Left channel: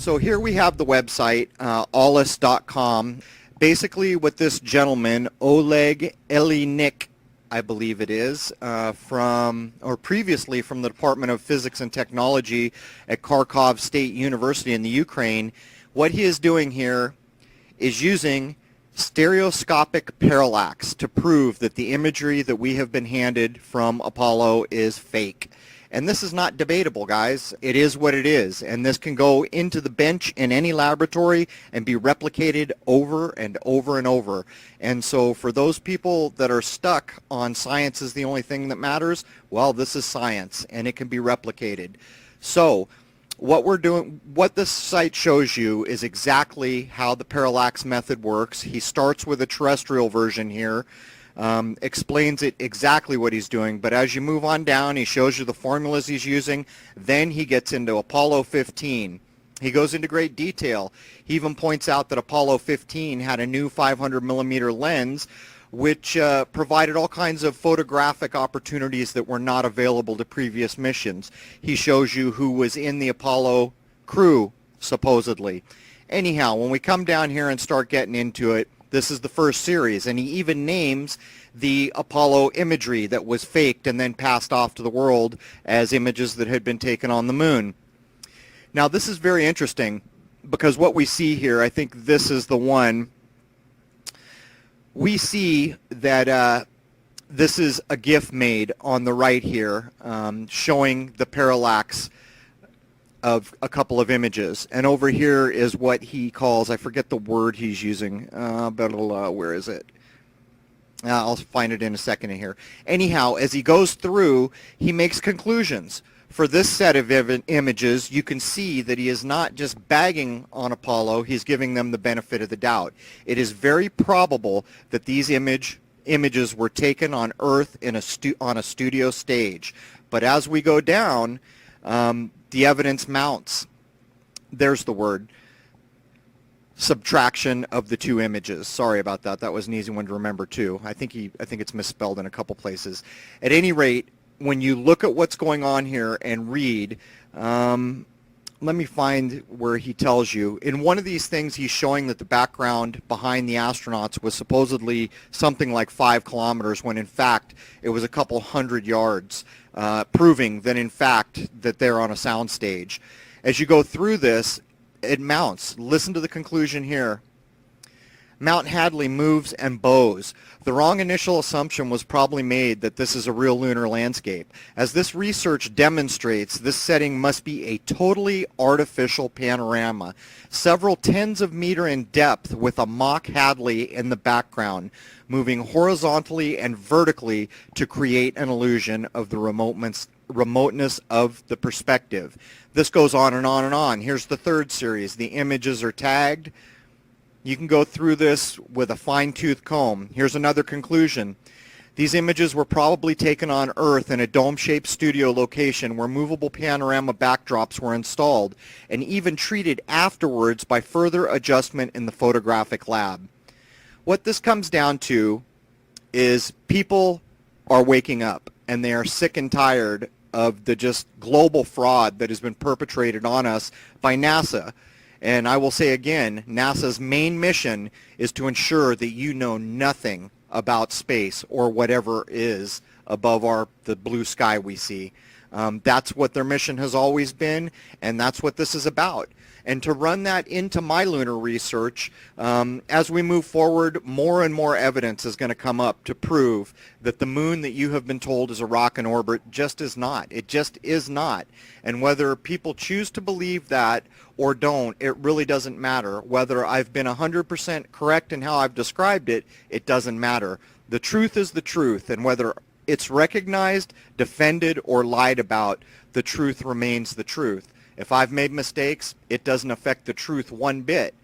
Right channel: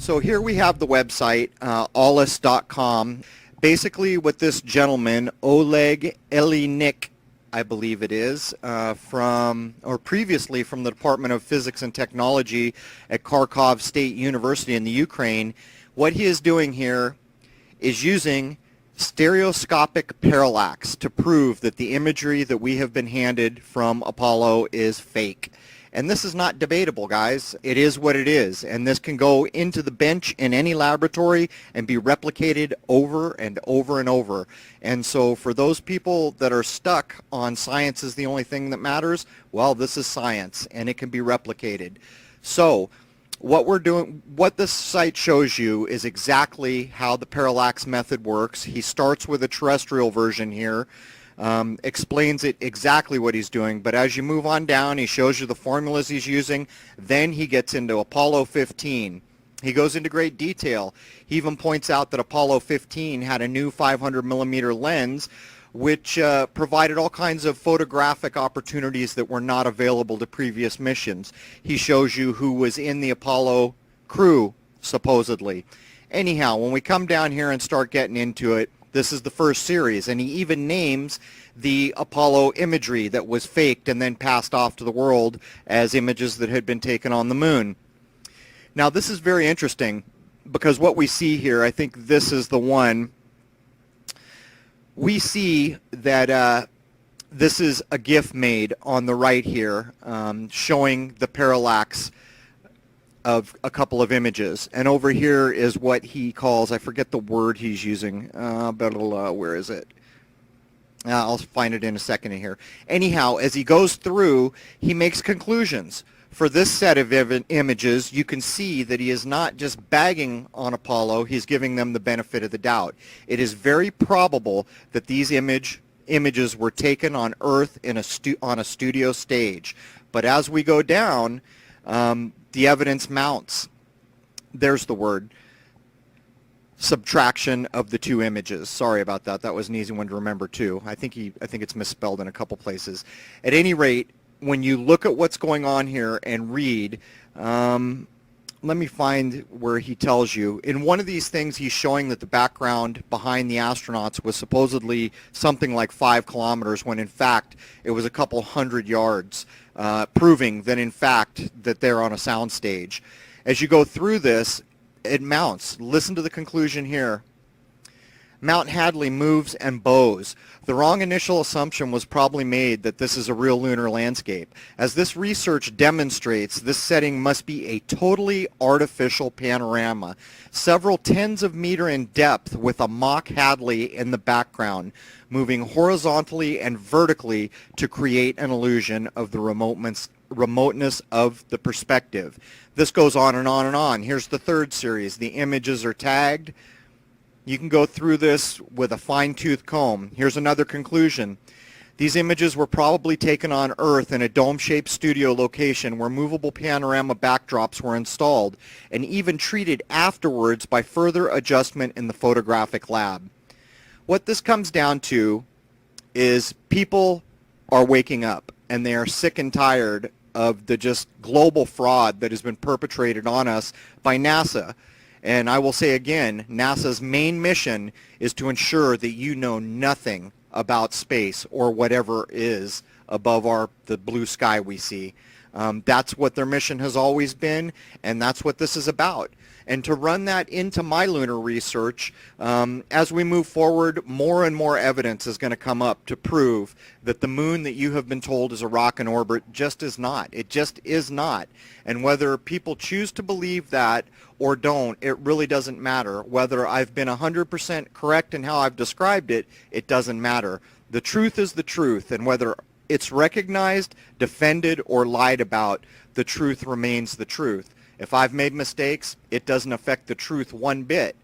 So here we have the website, allis.com. Basically what this gentleman, Oleg Elinik, I believe it is, previously from the Department of Physics and Technology at Kharkov State University in the Ukraine, what he is doing here is using stereoscopic parallax to prove that the imagery that we have been handed from Apollo is fake. And this is not debatable, guys. It is what it is. And this can go into the bench in any laboratory and be replicated over and over and over. And so for those people that are stuck on science is the only thing that matters, well, this is science and it can be replicated. So what we're doing, what this site shows you is exactly how the parallax method works. He starts with a terrestrial version here. Explains it exactly what he's doing, but as you move on down, he shows you the formulas he's using. Then he gets into Apollo 15. He goes into great detail. He even points out that Apollo 15 had a new 500 millimeter lens, which provided all kinds of photographic opportunities that were not available to previous missions. He shows you who was in the Apollo crew, supposedly. Anyhow, when we come down here and start getting into it, this is the first series, and he even names the Apollo imagery that was faked and then passed off to the world as images that had been taken on the moon. Now, this is very interesting because what we see here, I think this is the one. We see that this is a GIF made on the right here showing the parallax of a couple of images, and over here is what he calls, I forget the word he's using, where is it? I'll find it in a second here. Anyhow, as he goes through, he makes conclusions. For this set of images, you can see that he is not just bagging on Apollo, he's giving them the benefit of the doubt. It is very probable that these images were taken on Earth in on a studio stage. But as we go down, the evidence mounts. There's the word. Subtraction of the two images. Sorry about that. That was an easy one to remember too. I think it's misspelled in a couple places. At any rate, when you look at what's going on here and read, let me find where he tells you. In one of these things, he's showing that the background behind the astronauts was supposedly something like 5 kilometers, when in fact it was a couple hundred yards, proving that in fact that they're on a soundstage. As you go through this, it mounts. Listen to the conclusion here. Mount Hadley moves and bows. The wrong initial assumption was probably made that this is a real lunar landscape. As this research demonstrates, this setting must be a totally artificial panorama, several tens of meters in depth with a mock Hadley in the background, moving horizontally and vertically to create an illusion of the remoteness of the perspective. This goes on and on and on. Here's the third series. The images are tagged. You can go through this with a fine-tooth comb. Here's another conclusion. These images were probably taken on Earth in a dome-shaped studio location where movable panorama backdrops were installed and even treated afterwards by further adjustment in the photographic lab. What this comes down to is people are waking up and they are sick and tired of the just global fraud that has been perpetrated on us by NASA. And I will say again, NASA's main mission is to ensure that you know nothing about space or whatever is above the blue sky we see. That's what their mission has always been, and that's what this is about. And to run that into my lunar research, as we move forward, more and more evidence is going to come up to prove that the moon that you have been told is a rock in orbit just is not. It just is not. And whether people choose to believe that or don't, it really doesn't matter. Whether I've been 100% correct in how I've described it, it doesn't matter. The truth is the truth, and whether it's recognized, defended, or lied about, the truth remains the truth. If I've made mistakes, it doesn't affect the truth one bit.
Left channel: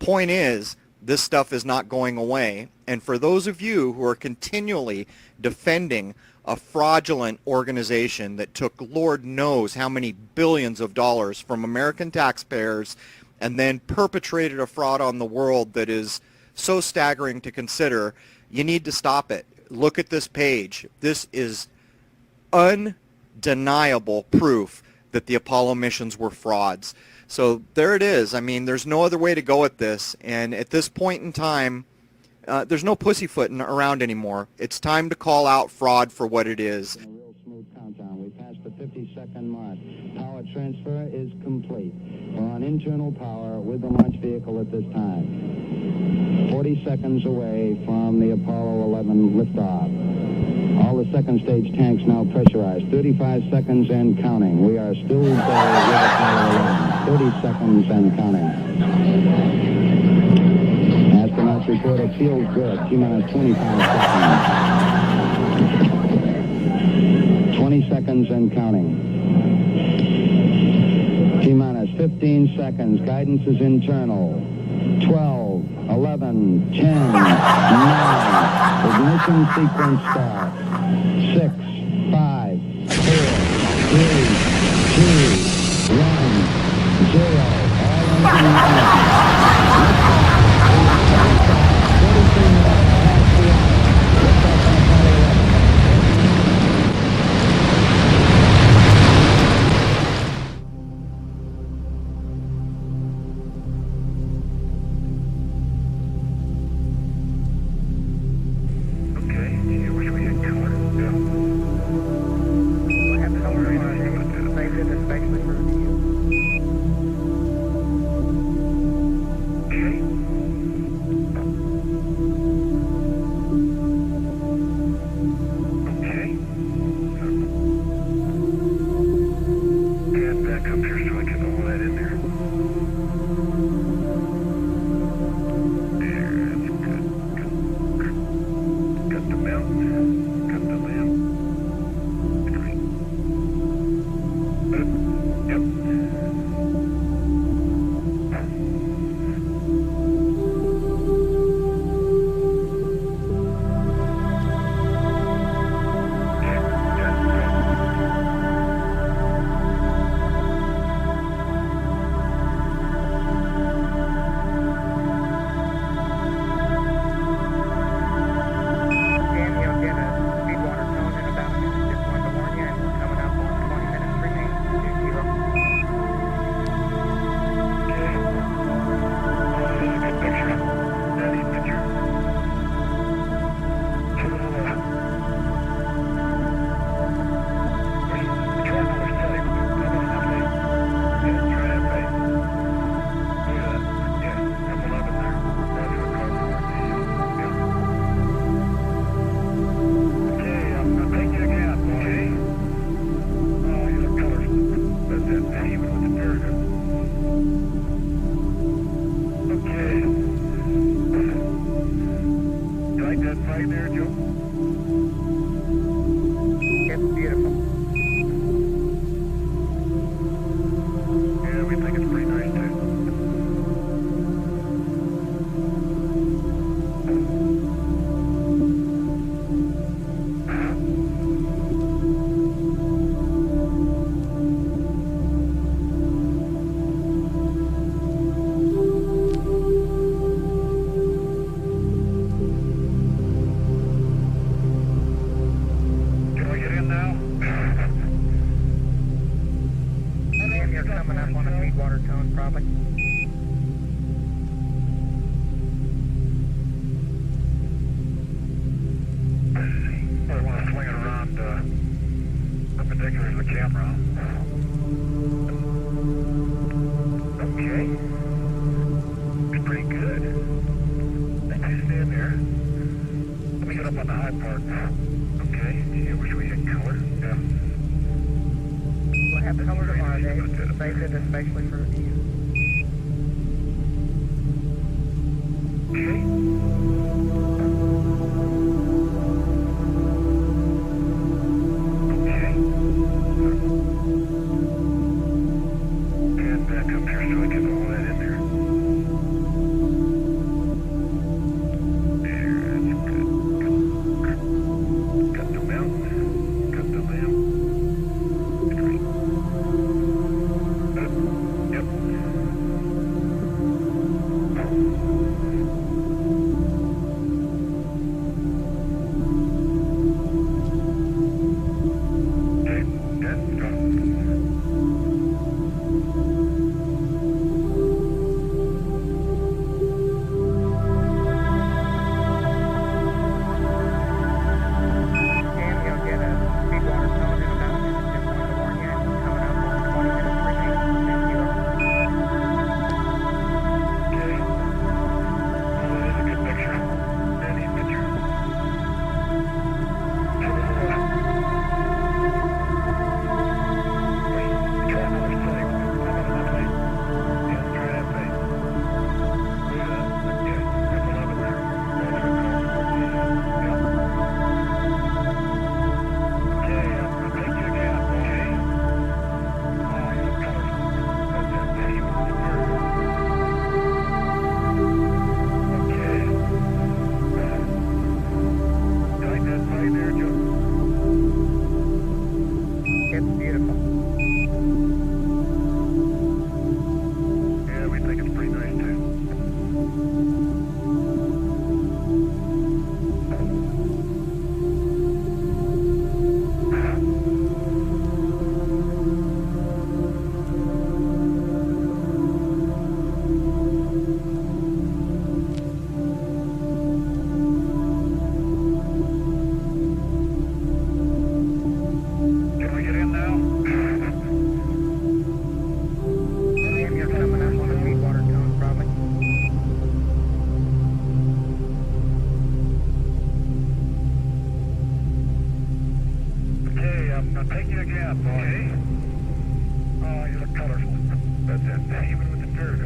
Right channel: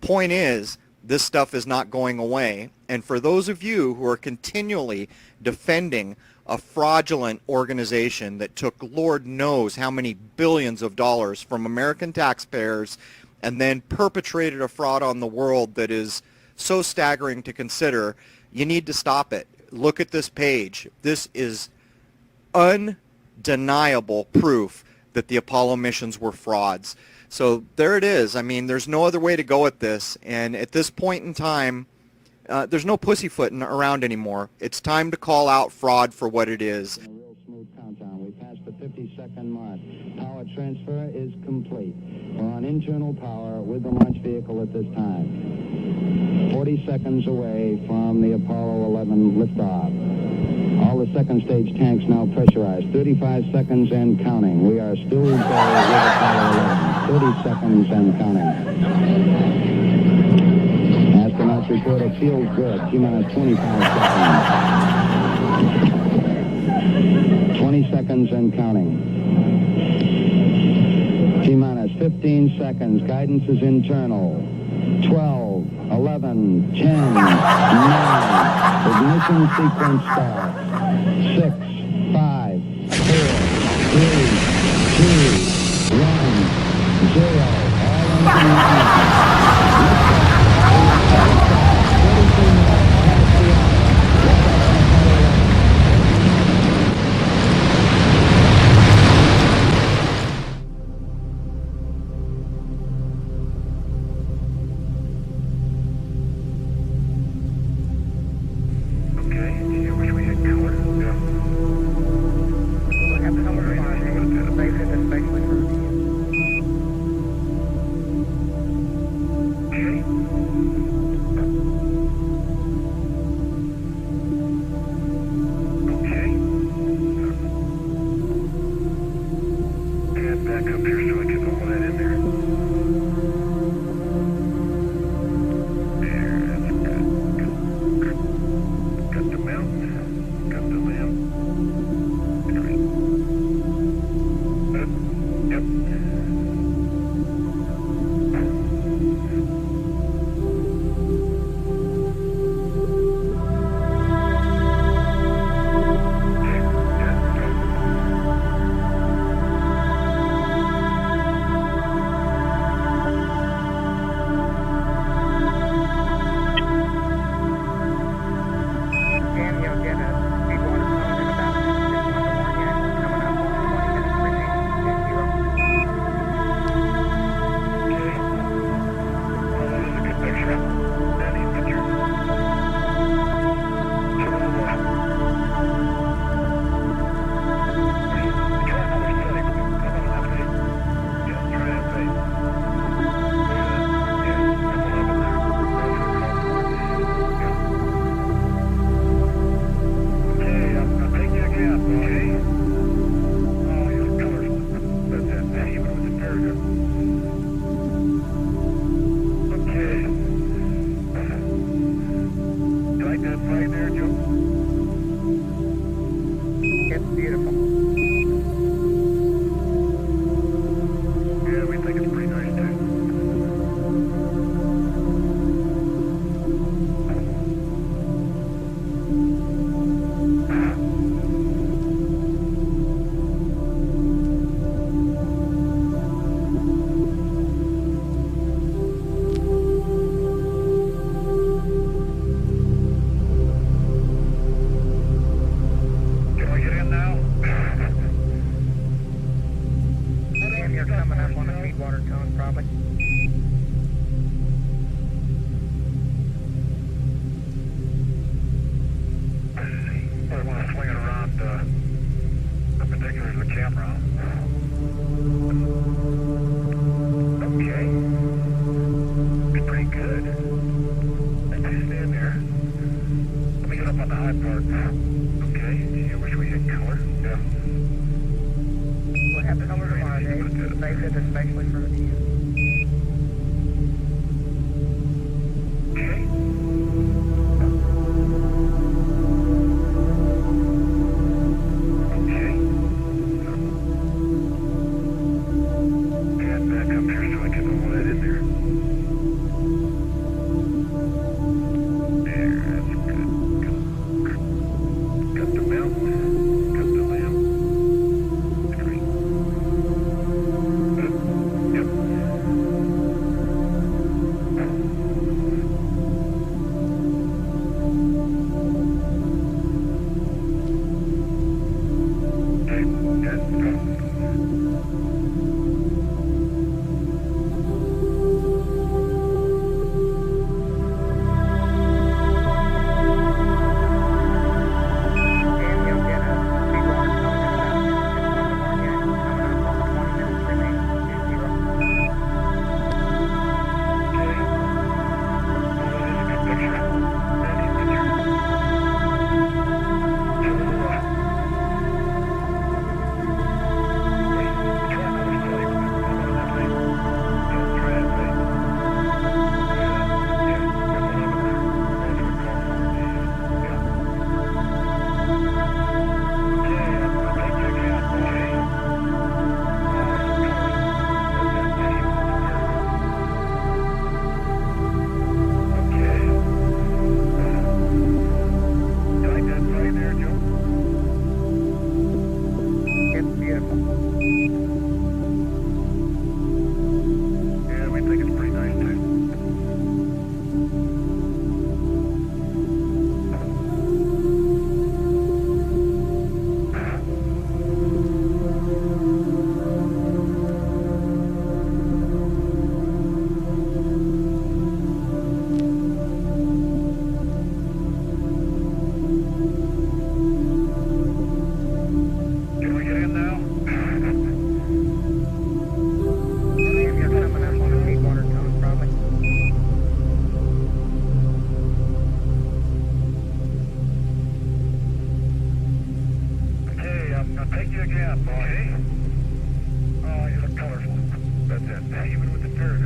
Point is, this stuff is not going away. And for those of you who are continually defending a fraudulent organization that took Lord knows how many billions of dollars from American taxpayers and then perpetrated a fraud on the world that is so staggering to consider, you need to stop it. Look at this page. This is undeniable proof that the Apollo missions were frauds. So there it is. I mean, there's no other way to go at this. And at this point in time, there's no pussyfooting around anymore. It's time to call out fraud for what it is. Real smooth countdown. We passed the 50-second mark. Power transfer is complete. We're on internal power with the launch vehicle at this time. 40 seconds away from the Apollo 11 liftoff. All the second stage tanks now pressurized. 35 seconds and counting. We are still in Apollo 11. 30 seconds and counting. Astronauts report a field good. T-minus 25 seconds. 20 seconds and counting. T-minus 15 seconds. Guidance is internal. 12, 11, 10, 9. Ignition sequence start. 6, 5, 4, 3, 2, 1, 0. Thank you again, boy. Oh, you look colorful. That's it. Even with the dirt.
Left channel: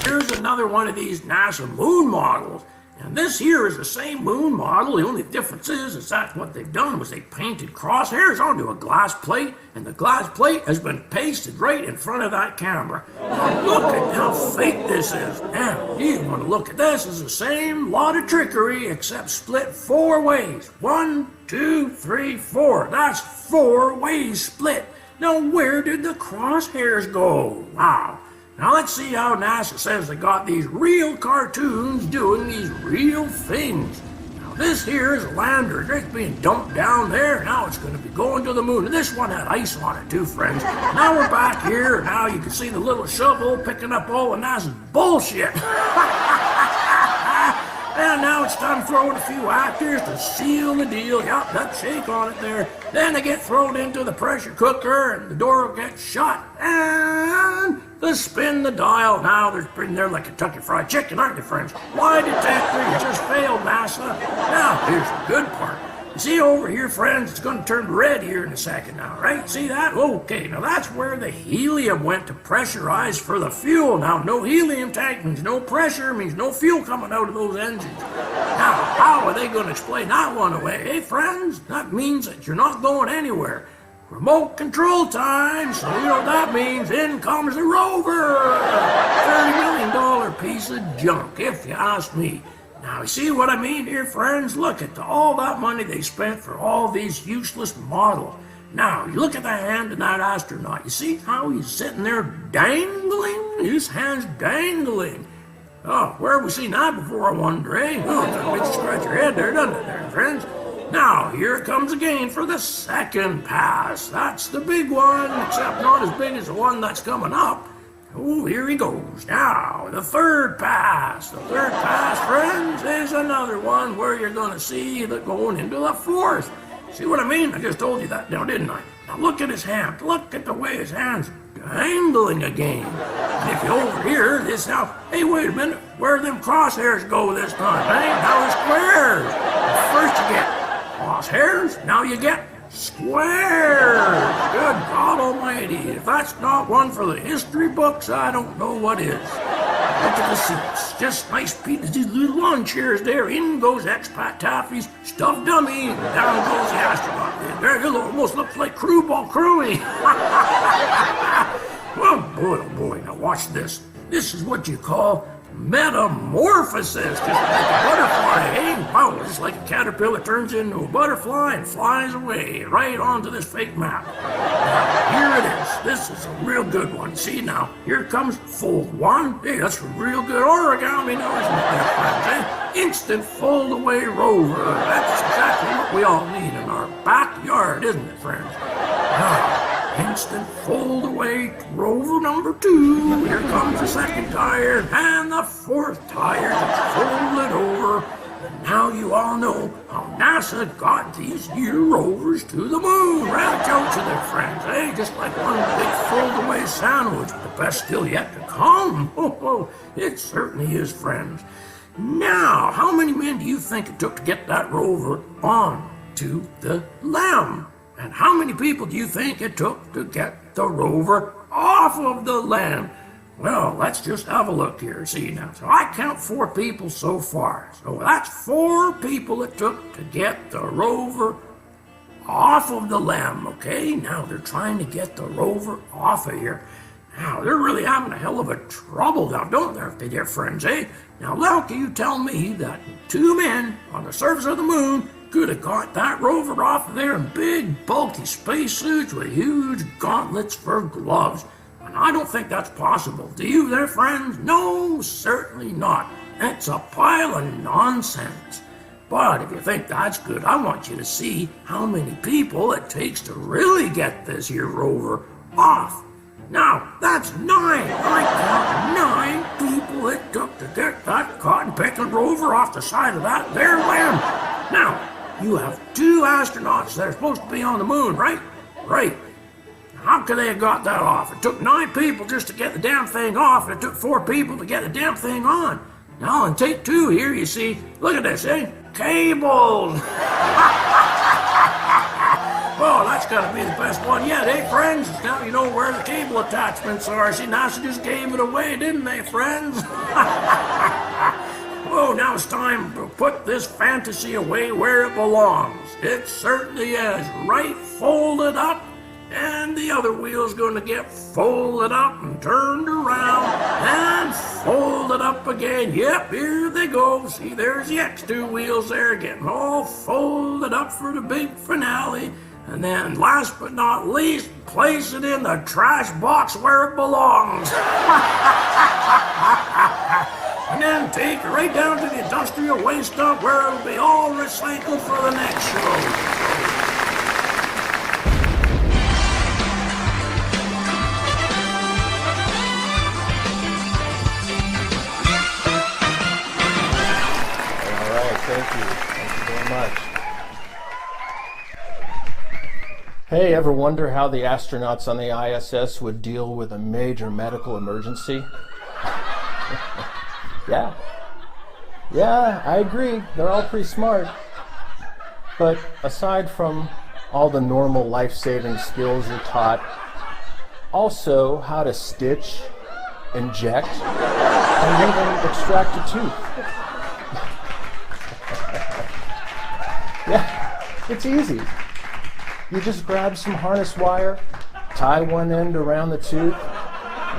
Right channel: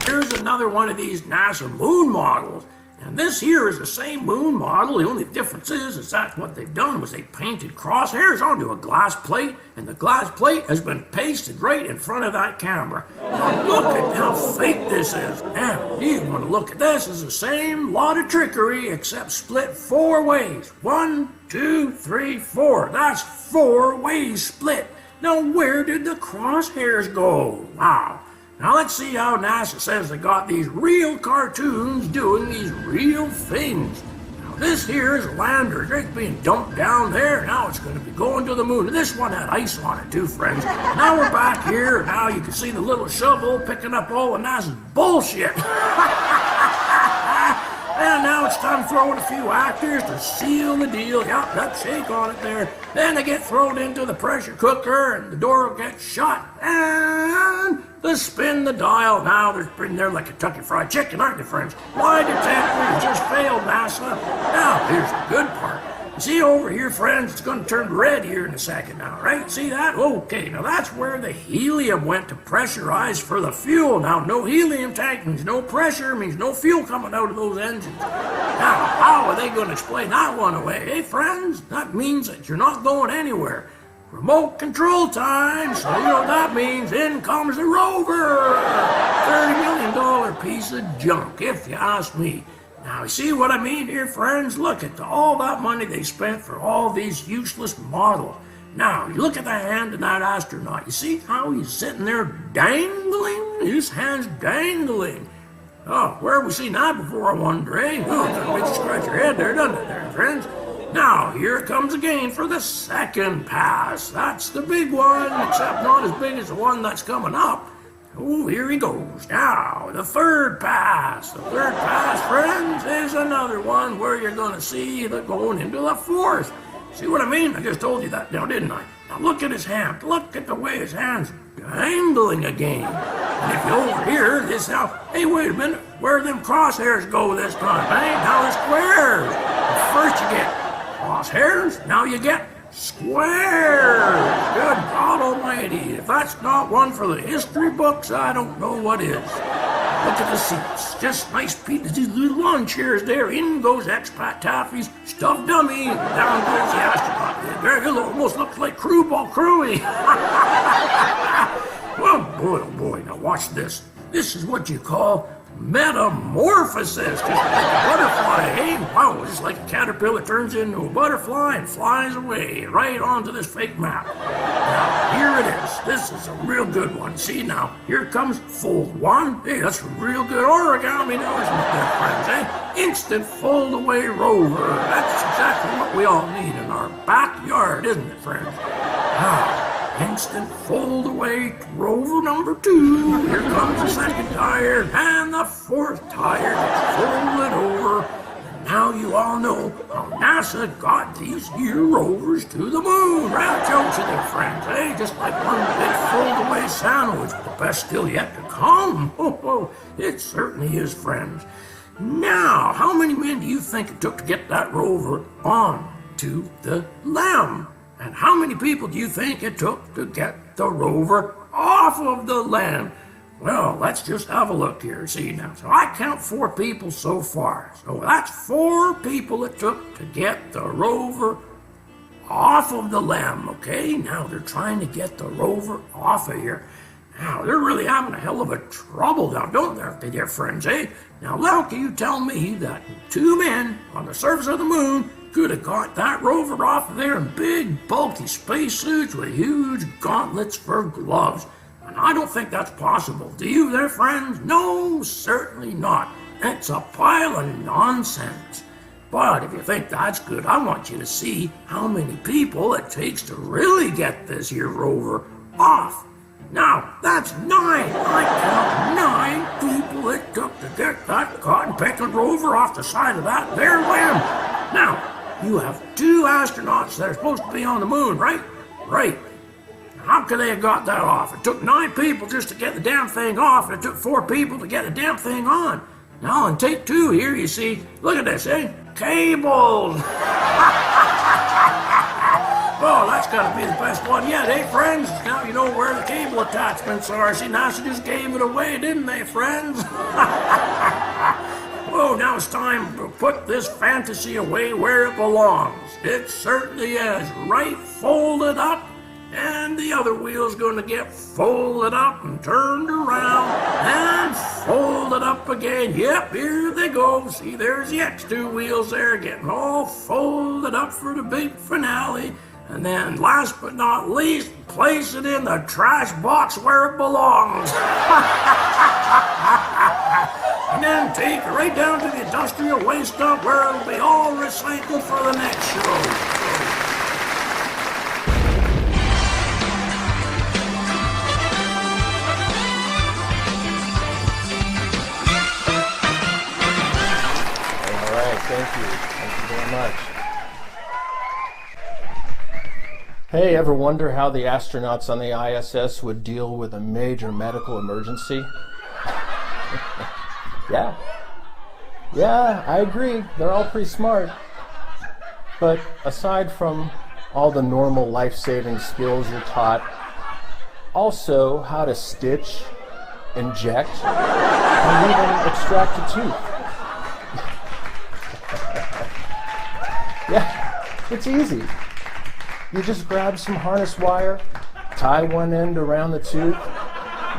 Here's another one of these NASA moon models. And this here is the same moon model. The only difference is that what they've done was they painted crosshairs onto a glass plate, and the glass plate has been pasted right in front of that camera. Now look at how fake this is. Now, you want to look at this, it's the same lot of trickery except split 4 ways. 1, 2, 3, 4. That's 4 ways split. Now where did the crosshairs go? Wow. Now let's see how NASA says they got these real cartoons doing these real things. Now this here is a lander. It's being dumped down there. Now it's going to be going to the moon. And this one had ice on it too, friends. Now we're back here. Now you can see the little shovel picking up all of NASA's bullshit. And now it's time to throw in a few actors to seal the deal. Yep, that shake on it there. Then they get thrown into the pressure cooker and the door will get shut. And they spin the dial. Now they're in there like Kentucky Fried Chicken, aren't they, friends? Lie detector, you just failed, NASA. Now, here's the good part. See over here, friends, it's going to turn red here in a second now, right? See that? Okay, now that's where the helium went to pressurize for the fuel. Now, no helium tank means no pressure, means no fuel coming out of those engines. Now, how are they going to explain that one away? Hey, friends, that means that you're not going anywhere. Remote control time, so you know what that means. In comes the Rover. $30 million piece of junk, if you ask me. Now, see what I mean here, friends? Look at all that money they spent for all these useless models. Now, you look at the hand of that astronaut. You see how he's sitting there dangling? His hand's dangling. Oh, where have we seen that before, I wonder, eh? Oh, that makes you scratch your head there, doesn't it, there, friends? Now, here it comes again for the second pass. That's the big one, except not as big as the one that's coming up. Oh, here he goes. Now, the third pass. The third pass, friends, is another one where you're going to see the going into the fourth. See what I mean? I just told you that now, didn't I? Now, look at his hand. Look at the way his hand's dangling again. And if you over here, this now, hey, wait a minute. Where do them crosshairs go this time? Hey, now they're squares. First you get crosshairs, now you get squares. Good God Almighty. If that's not one for the history books, I don't know what is. Look at the seats. Just nice pieces, these little lawn chairs there. In goes expat Taffy's stuffed dummy. Down goes the astronaut. There, it almost looks like Crew Ball Crewy. Well, boy, oh boy, now watch this. This is what you call metamorphosis. Just like a butterfly, eh? Wow, just like a caterpillar turns into a butterfly and flies away right onto this fake map. Now, here it is. This is a real good one. See now, here comes fold one. Hey, that's a real good origami. Now, this is there, friends, eh? Instant fold away rover. That's exactly what we all need in our backyard, isn't it, friends? Now, instant fold away rover number 2. Here comes the second tire and the fourth tire. Fold it over. And now you all know how NASA got these here rovers to the moon. Rather jokes of their friends, eh? Just like one big fold away sandwich. The best still yet to come. Oh, it certainly is, friends. Now, how many men do you think it took to get that rover on to the LEM? And how many people do you think it took to get the rover off of the LEM? Well, let's just have a look here. See now. So I count 4 people so far. So that's 4 people it took to get the rover off of the LEM. Okay, now they're trying to get the rover off of here. Now, they're really having a hell of a trouble now, don't they, dear friends, eh? Now, how can you tell me that 2 men on the surface of the moon could have got that rover off of there in big, bulky spacesuits with huge gauntlets for gloves? And I don't think that's possible. Do you there, friends? No, certainly not. It's a pile of nonsense. But if you think that's good, I want you to see how many people it takes to really get this here rover off. Now, that's 9. I count 9 people it took to get that cotton-picking rover off the side of that there LEM. Now, you have 2 astronauts that are supposed to be on the moon, right? Right. How could they have got that off? It took 9 people just to get the damn thing off, and it took 4 people to get the damn thing on. Now, on take 2 here, you see, look at this, eh? Cables! Well, gotta be the best one yet, eh, friends? Now you know where the cable attachments are. See, now she just gave it away, didn't they, friends? Whoa, now it's time to put this fantasy away where it belongs. It certainly is. Right folded up, and the other wheel's gonna get folded up and turned around and folded up again. Yep, here they go. See, there's the X2 wheels there getting all folded up for the big finale. And then, last but not least, place it in the trash box where it belongs. And then take it right down to the industrial waste dump where it'll be all recycled for the next show. All right, thank you. Thank you very much. Hey, ever wonder how the astronauts on the ISS would deal with a major medical emergency? Yeah, I agree. They're all pretty smart. But aside from all the normal life-saving skills you're taught, also how to stitch, inject, and even extract a tooth. Yeah, it's easy. You just grab some harness wire, tie one end around the tooth,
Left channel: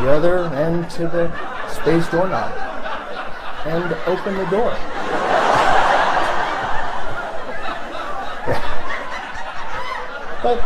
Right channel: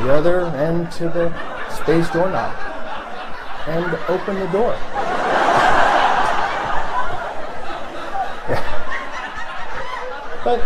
the other end to the space doorknob, and open the door. But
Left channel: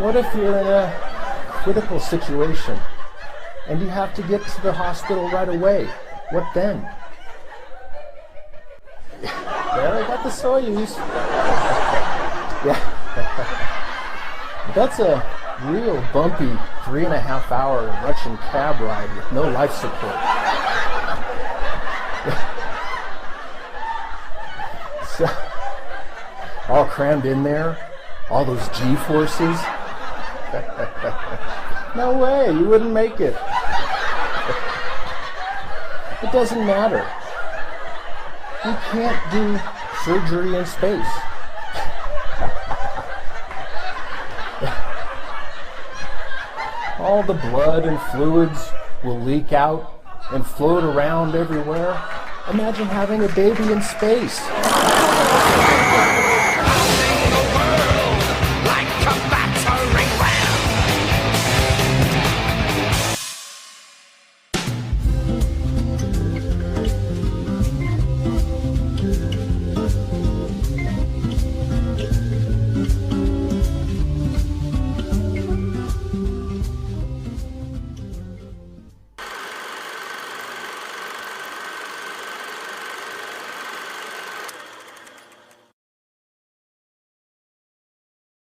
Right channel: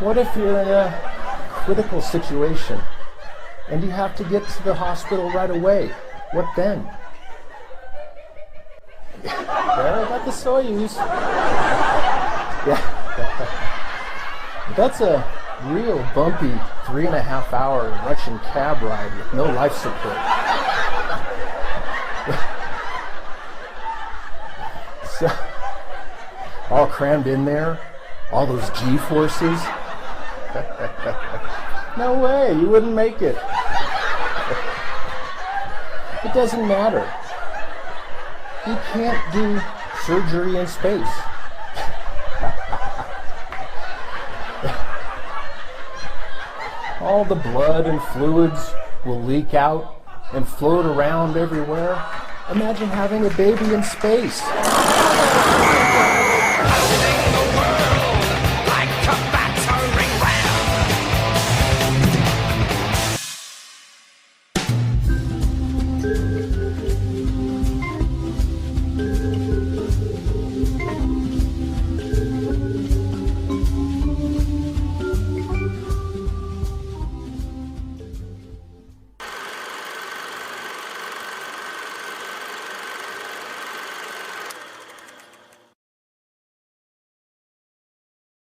what if you're in a critical situation and you have to get to the hospital right away? What then? There, I got the soyuz. Yeah. That's a real bumpy 3.5-hour Russian cab ride with no life support. So, all crammed in there, all those G-forces. No way, you wouldn't make it. It doesn't matter. You can't do surgery in space. All the blood and fluids will leak out and float around everywhere. Imagine having a baby in space.